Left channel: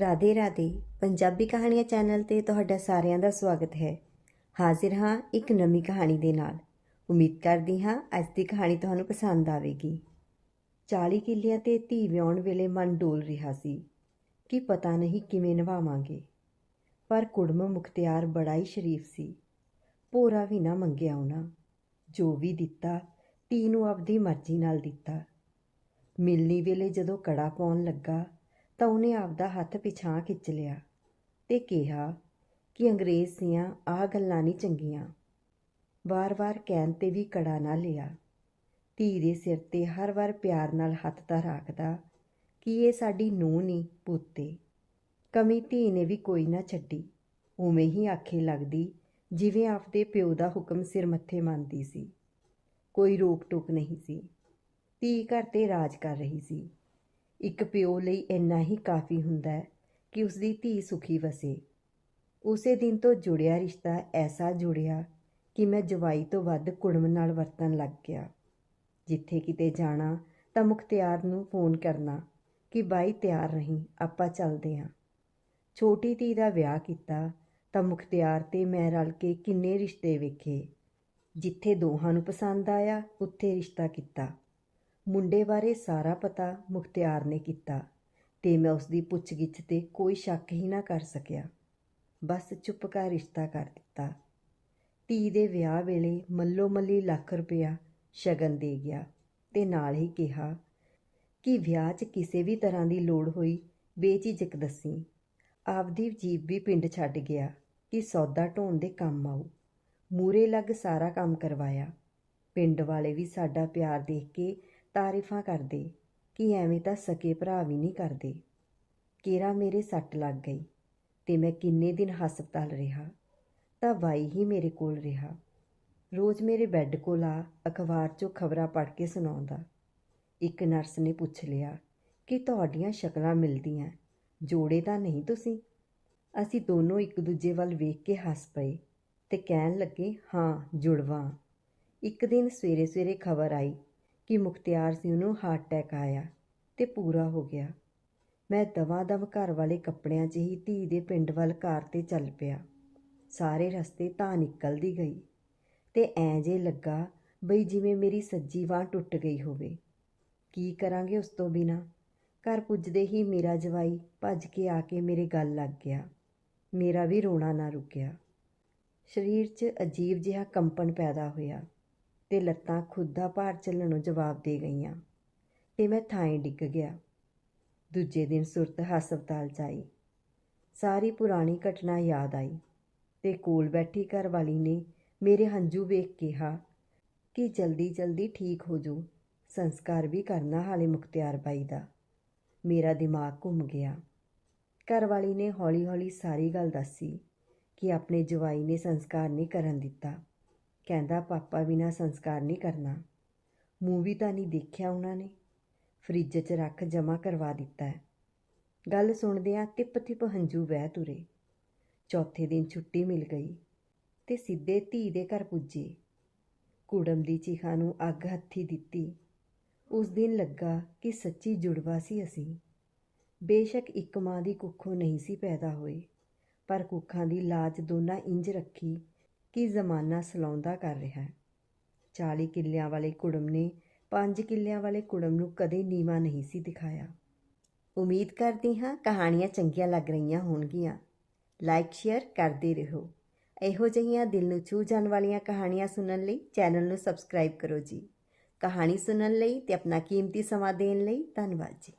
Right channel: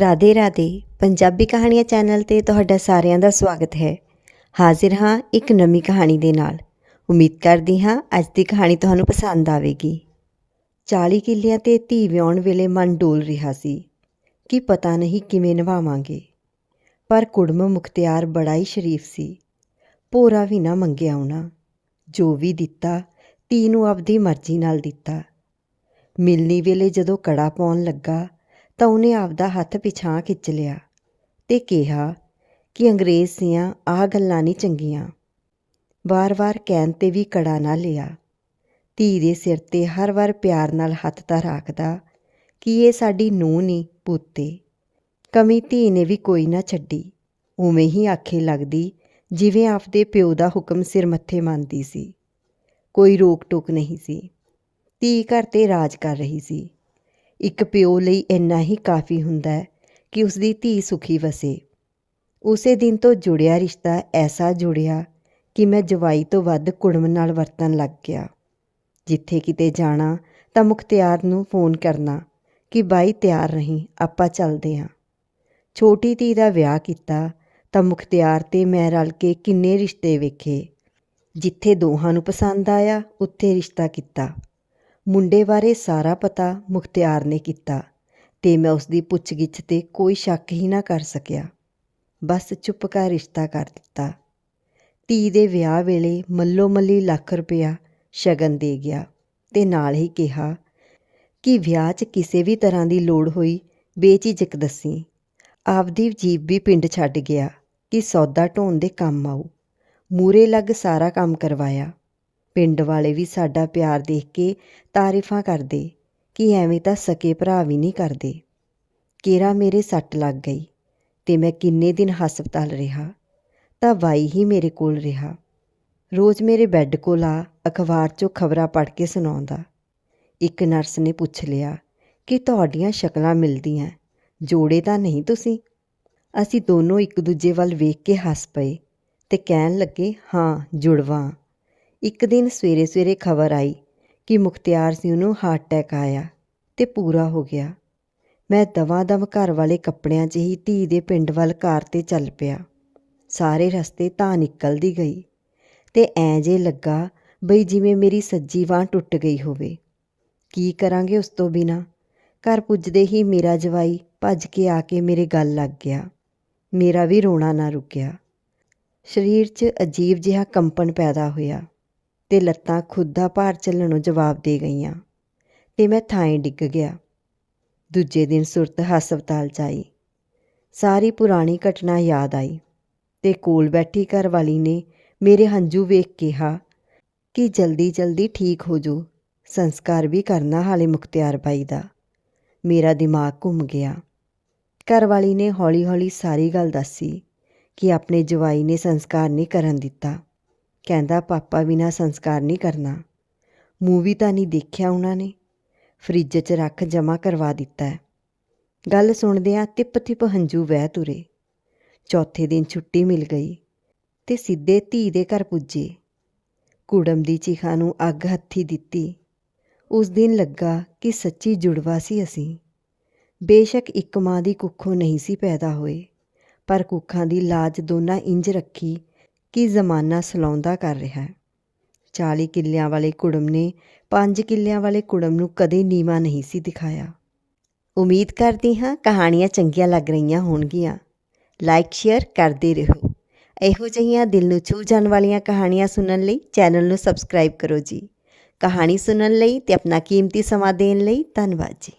ਰਾਧੇ ਰਾਧੇ, ਪੰਜਾਬੀ ਕਹਾਣੀਆਂ ਚੈਨਲ ਤੇ ਤੁਹਾਡਾ ਸਾਰਿਆਂ ਦਾ ਸਵਾਗਤ ਹੈ। ਹਾਜ਼ਰ ਹਾਂ ਇੱਕ ਨਵੀਂ ਕਹਾਣੀ ਦੇ ਨਾਲ। ਉਮੀਦ ਕਰਦੀ ਹਾਂ ਅੱਜ ਦੀ ਕਹਾਣੀ ਤੁਹਾਨੂੰ ਪਸੰਦ ਆਵੇਗੀ। 40 ਕਿੱਲਿਆਂ ਤੇ ਧੀ ਵਿਆਉਣ ਵੇਲੇ ਮਨ ਡੋਲ ਰਿਹਾ ਸੀ ਕਿ ਪਤਾ ਨਹੀਂ ਕਿਵੇਂ ਨਿਭਾਵਾਂਗੇ। ਪਰ ਕੁੜਮ ਮੁਖਤਿਆਰ ਬੜਾ ਹੀ ਸ਼ਰੀਫ ਸੀ। ਭੋਰਾ ਵੀ ਨਾ ਮੰਗਿਆ ਉਹਨਾਂ। ਜੋ ਵੀ ਦਿੱਤਾ, ਧੀ ਨੂੰ ਆਪਦੀ ਮਰਜ਼ੀ ਨਾਲ ਦਿੱਤਾ। ਮਿਲਣੀ ਵੇਲੇ ਜਦੋਂ ਕੜਾ ਪਾਉਣ ਲੱਗਾ ਤਾਂ ਉਹਨੇ ਆਪਦਾ ਹੱਥ ਪਿਛਾਂ ਖਿੱਚ ਲਿਆ ਤੇ ਕਿਹਾ ਕਿ ਅੰਗਰੇਜ਼ ਦੀਆਂ ਆਹ ਗੱਲਾਂ ਨਹੀਂ ਚੰਗੀਆਂ। ਵਾਰ-ਵਾਰ ਕਹਿਣ ਤੇ ਵੀ ਕੜਾ ਨਾ ਲਿਆ। ਧੀ ਦੇ ਸਿਰ ਤੇ ਹਰ ਵਾਰ ਪਿਆਰ ਨਾਲ ਹੱਥ ਤਾਂ ਰੱਖਦਾ ਕਿ ਇਹ ਸਾਡੀ ਨੂੰਹ ਨਹੀਂ ਪੁੱਤੇ। ਕਮੀ ਧੀ ਨੇ ਵੀ ਕੋਈ ਨਾ ਛੱਡੀ। ਉਵੇਂ ਹੀ ਆਖੇ ਲੱਗਦੀ ਜਿਵੇਂ ਆਪਦੇ ਪਿਓ ਦਾ ਹੁਕਮ ਸਿਰ ਮੱਥੇ ਮੰਨਦੀ ਸੀ। ਕੋਈ ਰੋਕ ਟੋਕ ਨਹੀਂ ਸੀ। ਧੀ ਘਰ ਤੇ ਰਾਜ ਕਰ ਰਹੀ ਸੀ। ਇੱਕ ਪਿਓ ਲਈ ਇੰਨਾ ਹੀ ਕਾਫੀ ਹੁੰਦਾ ਹੈ ਕਿ ਉਸ ਦੀ ਧੀ ਸੁਖੀ ਵਸੇ। ਉਸੇ ਦਿਨ ਤੋਂ ਜੁੜਿਆ ਰਿਸ਼ਤਾ ਐਸਾ ਜੁੜਿਆ ਕਿ ਮੈਂ ਜਵਾਈ ਤੋਂ ਵੱਧ ਕੁੜਮ ਨਾਲ ਵਰਤਣ ਲੱਗ ਗਿਆ। ਜਿੱਥੇ ਕਿਤੇ ਜਾਣਾ ਤਾਂ ਮੁਖਤਿਆਰ ਨੂੰ ਫੋਨ ਕਰਨਾ ਕਿ, ਬਾਈ, ਤਿਆਰ ਨਹੀਂ ਆਪਾਂ ਚੱਲਦੇ ਹਾਂ ਛੋਟੀ ਧੀ ਦਾ ਵਿਆਹ ਕੀਤਾ ਤਾਂ ਮੁਖਤਿਆਰ ਤੇ ਮੈਂ ਰਲ ਕੇ ਕਿੰਨੇ ਰਿਸ਼ਤੇ ਵੇਖੇ। ਜਿੱਥੇ ਦੋਹਾਂ ਨੂੰ ਪਸੰਦ ਆਇਆ, ਉੱਥੇ ਰਿਸ਼ਤਾ ਕੀਤਾ। ਮੁੰਡੇ ਬਾਰੇ ਸਾਰਾ ਪਤਾ ਮੁਖਤਿਆਰ ਨੇ ਕੀਤਾ ਤੇ ਮੈਂ ਉਸ ਦੀ ਪੁੱਛਗਿੱਛ ਤੇ ਕੋਈ ਸ਼ੱਕ ਹੀ ਨਾ ਕਰ ਸਕਿਆ। ਬਸ ਚੁੱਪ ਕਰ ਰਿਸ਼ਤਾ ਕਰ ਦਿੱਤਾ। ਧੀ ਦੇ ਵਿਆਹ ਵੇਲੇ ਮੱਲੋ ਮੱਲੀ ਲੱਖ ਰੁਪਇਆ ਸ਼ਗਨ ਦੇ ਗਿਆ ਤੇ ਨਾਲ ਹੀ ਕਿਹਾ ਕਿ ਵਿਆਹ 'ਚ ਕਿਸੇ ਵੀ ਤਰ੍ਹਾਂ ਦੀ ਲੋੜ ਹੋਈ ਬੇਝਿਜਕ ਦੱਸੀ। ਆਪਦੀ ਜੀਬ ਵੀ ਪਿੰਡ ਛੱਡ ਗਿਆ ਕਿ ਸੌਦਾ ਢੋਣ ਦੇ ਕੰਮ ਆਉ ਮੂਰੇ ਲੱਗ ਸਾਰਾ ਕੰਮ ਕਰਵਾਇਆ। ਪਿੰਡ ਵਾਲੇ ਵੀ ਸਾਡਾ ਪਿਆਰ ਦੇਖ ਕੇ ਤਾਰੀਫਾਂ ਕਰਦੇ ਕਿ ਐਵੇਂ ਤਾਂ ਸਕੇ ਭਰਾ ਵੀ ਨਹੀਂ ਕਰਦੇ। ਕੇਰਾ ਮੇਰੇ ਸੱਟ ਲੱਗ ਗਈ ਤੇ ਮੈਂ ਕਿੰਨੇ ਦਿਨ ਹਸਪਤਾਲ ਰਿਹਾ ਤਾਂ ਵਾਈ ਹੀ ਮੇਰੇ ਕੋਲ ਰਿਹਾ। ਰੋਜ਼ ਮੇਰੇ ਬੈੱਡ ਕੋਲ ਆ, ਅਖਬਾਰ 'ਚੋਂ ਖਬਰਾਂ ਪੜ੍ਹ ਕੇ ਸੁਣਾਉਂਦਾ। ਇੱਕ ਨਰਸ ਨੇ ਪੁੱਛ ਲਿਆ ਕਿ ਤੁਹਾਡੀਆਂ ਸ਼ਕਲਾਂ ਮਿਲਦੀਆਂ, ਜੋੜੇ ਤਾਂ ਨਹੀਂ ਤੁਸੀਂ? ਅਸੀਂ ਦੋਨੋਂ ਇੱਕ ਦੂਜੇ ਵੱਲ ਵੇਖ ਕੇ ਹੱਸ ਪਏ ਤੇ ਕਹਿਣ ਲੱਗੇ, ਹਾਂ, ਜੁੜਵਾਂ। ਇੱਕ ਦਿਨ ਸਵੇਰੇ ਸਵੇਰੇ ਖਬਰ ਆਈ ਕਿ ਮੁਖਤਿਆਰ ਸਿੰਘ ਨੂੰ ਹਾਰਟ ਅਟੈਕ ਆਇਆ ਤੇ ਪੂਰਾ ਹੋ ਗਿਆ। ਮੈਂ ਦਵਾ-ਦਵ ਘਰ ਵਾਲੇ ਕੱਪੜਿਆਂ 'ਚ ਹੀ ਧੀ ਦੇ ਪਿੰਡ ਵੱਲ ਕਾਰ ਤੇ ਚੱਲ ਪਿਆ। ਸਾਰੇ ਰਸਤੇ ਤਾਂ ਨਿਕਲਦੀ ਗਈ ਤੇ ਐਂ ਜੇ ਲੱਗਾ ਬਈ ਜਿਵੇਂ ਮੇਰੀ ਸੱਜੀ ਬਾਂਹ ਟੁੱਟ ਗਈ ਹੋਵੇ। ਕੀ ਕਰਾਂਗੇ ਉਸ ਤੋਂ ਬਿਨਾ? ਘਰ ਪੁੱਜਦੇ ਹੀ ਮੇਰਾ ਜਵਾਈ ਭੱਜ ਕੇ ਆ ਕੇ ਮੇਰੇ ਗੱਲ ਲੱਗ ਗਿਆ। ਮੇਰਾ ਵੀ ਰੋਣਾ ਨਾ ਰੁਕਿਆ। ਸਰੀਰ 'ਚ ਅਜੀਬ ਜਿਹਾ ਕੰਪਨ ਪੈਦਾ ਹੋਇਆ। ਤੇ ਲੱਤਾਂ ਖੁਦ ਦਾ ਭਾਰ ਚੱਲਣੋਂ ਜਵਾਬ ਦੇ ਗਈਆਂ ਤੇ ਮੈਂ ਥਾਂ ਡਿੱਗ ਗਿਆ। ਦੂਜੇ ਦਿਨ ਸੁਰਤ ਹਸਪਤਾਲ 'ਚ ਆਈ ਸਾਰੀ ਪੁਰਾਣੀ ਘਟਨਾ ਯਾਦ ਆਈ ਤੇ ਕੋਲ ਬੈਠੀ ਘਰ ਵਾਲੀ ਨੇ ਮੇਰੇ ਹੰਝੂ ਵੇਖ ਕਿਹਾ ਕਿ ਜਲਦੀ ਜਲਦੀ ਠੀਕ ਹੋ ਜੋ ਸੰਸਕਾਰ ਵੀ ਕਰਨਾ ਹਾਲੇ ਮੁਖਤਿਆਰ ਬਾਈ ਦਾ। ਮੇਰਾ ਦਿਮਾਗ ਘੁੰਮ ਗਿਆ। ਘਰ ਵਾਲੀ ਨੇ ਹੌਲੀ ਹੌਲੀ ਸਾਰੀ ਗੱਲ ਦੱਸੀ ਕਿ ਆਪਣੇ ਜਵਾਈ ਨੇ ਸੰਸਕਾਰ ਨਹੀਂ ਕਰਨ ਦਿੱਤਾ। ਕਹਿੰਦਾ, ਪਾਪਾ ਬਿਨਾ ਸੰਸਕਾਰ ਨਹੀਂ ਕਰਨਾ। ਮੂਵੀ ਤਾਂ ਨਹੀਂ ਦੇਖਿਆ ਉਹਨਾਂ ਨੇ। ਫ੍ਰਿਜ 'ਚ ਰੱਖ ਜਮਾ ਕਰਵਾ ਦਿੱਤਾ ਗੱਲ ਸੁਣਦਿਆਂ ਤਿਪ ਤਿਪ ਹੰਝੂ ਵਹਿ ਤੁਰੇ। ਚੌਥੇ ਦਿਨ ਛੁੱਟੀ ਮਿਲ ਗਈ ਤੇ ਸਿੱਧੇ ਧੀ ਦੇ ਘਰ ਪੁੱਜੇ। ਕੁੜਮ ਦੀ ਚੀਖਾਂ ਨੂੰ ਅੱਗ ਹੱਥੀ ਦਿੱਤੀ। ਉਸ ਦਿਨ ਲੱਗਾ ਕਿ ਸੱਚੀ ਜੁੜਵਾ ਸੀ ਅਸੀਂ। ਬੇਸ਼ੱਕ ਇੱਕ ਮਾਂ ਦੀ ਕੁੱਖੋਂ ਨਹੀਂ ਸੀ ਪੈਦਾ ਹੋਏ, ਪਰ ਕੁੱਖਾਂ ਦੀ ਲਾਜ ਦੋਨਾਂ ਇੰਜ ਰੱਖੀ ਕਿ ਜ਼ਮਾਨਾ ਸਲਾਉਂਦਾ ਕਰ ਰਿਹਾ ਹੈ? 40 ਕਿੱਲਿਆਂ ਵਾਲੇ ਕੁੜਮ ਨੇ 5 ਕਿੱਲਿਆਂ ਵਾਲੇ ਕੁੜਮ ਨੂੰ ਕਦੇ ਨੀਵਾ ਨਹੀਂ ਸੀ ਦਿਖਾਇਆ। ਉਮੀਦ ਕਰਦੀ ਹਾਂ ਕਹਾਣੀਆਂ ਚੰਗੀਆਂ ਲੱਗ ਰਹੀਆਂ ਹੋਣਗੀਆਂ। ਲਾਈਕ ਸ਼ੇਅਰ ਕਰਦੇ ਰਹੋ। ਇਹੋ ਜਿਹੀਆਂ ਦਿਲ ਨੂੰ ਛੂ ਜਾਣ ਵਾਲੀਆਂ ਕਹਾਣੀਆਂ ਸੁਣਨ ਲਈ ਚੈਨਲ ਨੂੰ ਸਬਸਕ੍ਰਾਈਬ ਕਰੋ ਜੀ। ਕਹਾਣੀ ਸੁਣਨ ਲਈ ਤੇ ਆਪਣਾ ਕੀਮਤੀ ਸਮਾਂ ਦੇਣ ਲਈ ਧੰਨਵਾਦ ਜੀ।